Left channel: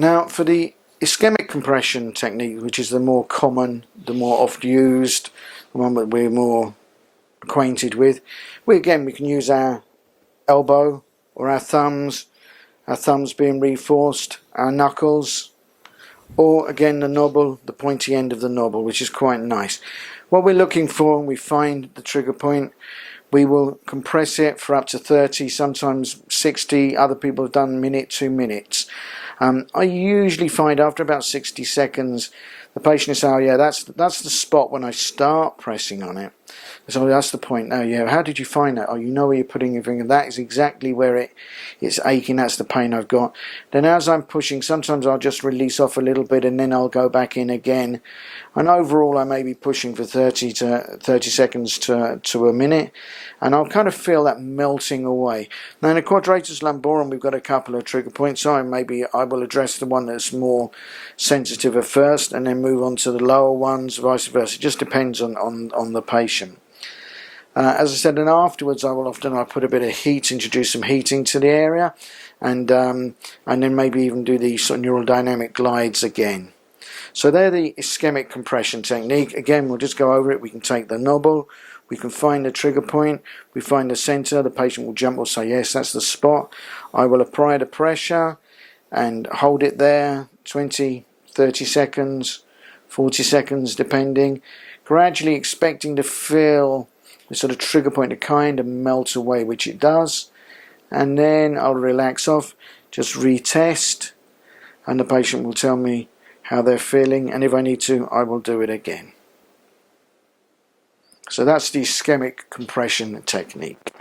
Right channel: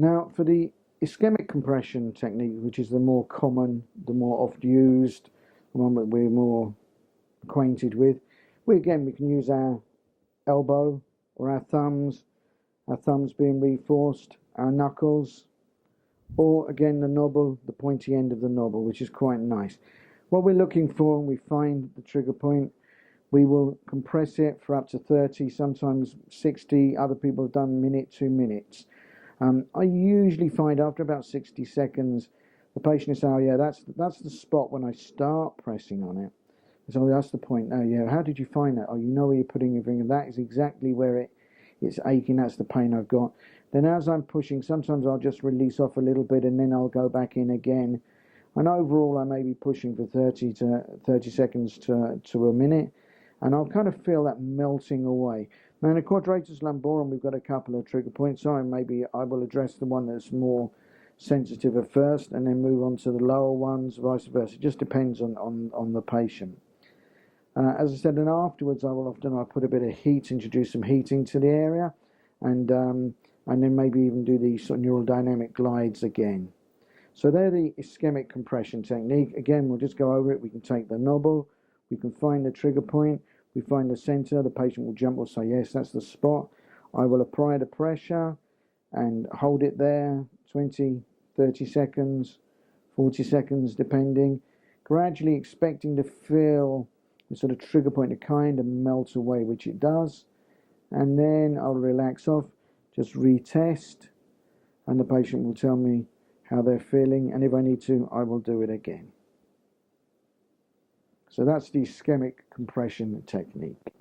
Now for the ischemic compression technique, which is the more common, the more oft used, the one that we're more acquainted with, we can use our elbow or our thumbs being reinforced, our knuckles, or again the knobbel, the pointy end of the knobbel, which is quite nice. What we're looking for when we find the trigger point, we will compress it for up to 30, sometimes 60, other people have done minute, 2 minutes. I usually find after about 60 seconds the patient is, oh yeah, that's the spot when I start pressing on it. So that's the point. Oh yeah, how did you find that? Oh, you know where you're putting your finger. That is exactly where it's aching. That's the pain I've got. Then as I'm pushing, sometimes I'll just release off a little bit and then I'll go back in again. And overall I may be pushing for 30 seconds to a minute, and I'll kind of feel that melting away. Now in the quadratus lumborum we've got a couple of trigger points, so maybe I will address the one that's more sensitive at first and then move on to the lower ones, vice versa. It just depends on the patient. As I said, and afterwards I'll put a bit of heat, introduce some heating to the area, and then maybe even do the sort of neural dynamic glides again. So they're the ischemic compression technique. Again, we'll just go over it. We can take the knobbel, we can find the trigger point, we find the center, the patient will jump or say yes, that's the spot. I will apply the pressure and hold it there 20, 30 seconds, 40 seconds depending, gradually expecting to feel the sort of trigger point to kind of melt away, which it does, and then I'll relax off, just retest, and the patient will tell me how they're feeling, and if I need to, I will do it again. So that's the ischemic compression technique.